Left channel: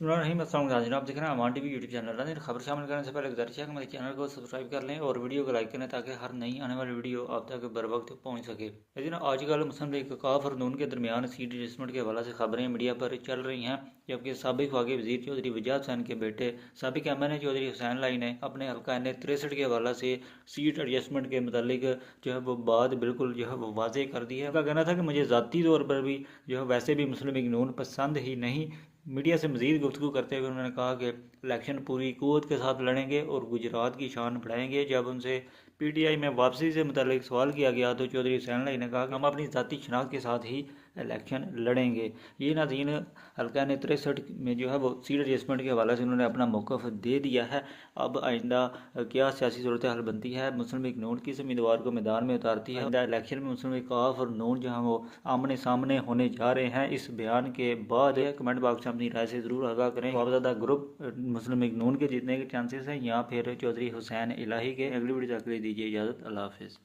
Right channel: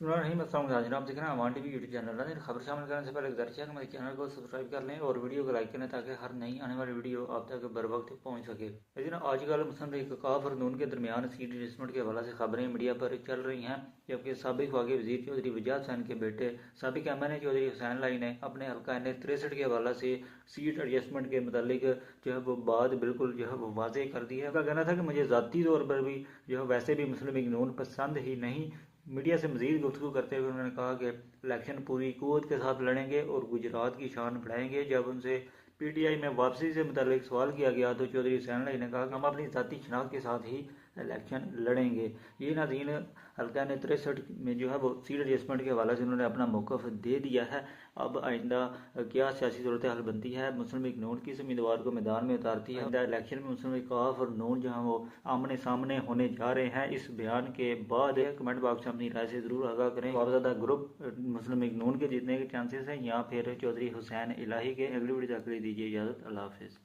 बिस्मिल्लाहिर्रहमानिर्रहीम। अस्सलाम वालेकुम नाज़रीन, आप देख रहे हैं अमान टीवी यूट्यूब चैनल। नाज़रीन, खबर शामिल करने से पहले गुजारिश है कि मेरे चैनल को सब्सक्राइब कर लें और वीडियो को लाइक करें ताकि हर नई आने वाली वीडियो आप तक बर वक्त पहुँच सके। लेकिन आजकल मुस्लिम लीग काफ और नून के दरमियान सीट एडजस्टमेंट के हवाले से खबरें मीडिया पर चल रही हैं, जबकि साबिक वफ़ाकी वज़ीर चौधरी वजाहत हुसैन के बेटे साबिक MNA चौधरी हुसैन लाई ने अपने हल्का N63 के हवाले से सीट एडजस्टमेंट के मुतालिक जो है वो बात बिल्कुल जो है वो वाज़े कर दी है। उनका कहना था कि मुझे ज़ाती तौर पर भी जो है वैसे भी मुस्लिम लीग नून पसंद ही नहीं। मीडिया से मज़ीद गुफ्तगू करते हुए उन्होंने कहा कि इलेक्शन पूरी क़ुव्वत के साथ लड़ेंगे और गुजरात की शान बढ़ाएंगे। जब उनसे PTI में वापसी से मुतालिक सवाल किया गया तो चौधरी हुसैन लाई ने कहा कि हम अपनी ज़ाती शनाख्त के साथ ही इलेक्शन लड़ेंगे। ये नाज़रीन हल्का N63 में जो है वो सीट एडजस्टमेंट के हवाले से उन्होंने अपना मौक़िफ़ दे दिया है। अब आइंदा क्या सियासी सूरत हाल बनती है, मुस्लिम लीग नून किस उम्मीदवार को मैदान में उतारती है, आइंदा इलेक्शन में मुस्लिम लीग काफ और नून जो है वो आमने सामने होने जा रहे हैं, इस बयान के बाद कमेंट बॉक्स में अपनी राय से ज़रूर आगाह करें। बहुत ज़्यादा ग्रुप मुस्लिम लीग नून के जीतने के चांसेस हैं या फिर चौधरी हुसैन इलाही के। अगली वीडियो तक के लिए दीजिए इजाज़त। अल्लाह हाफिज़।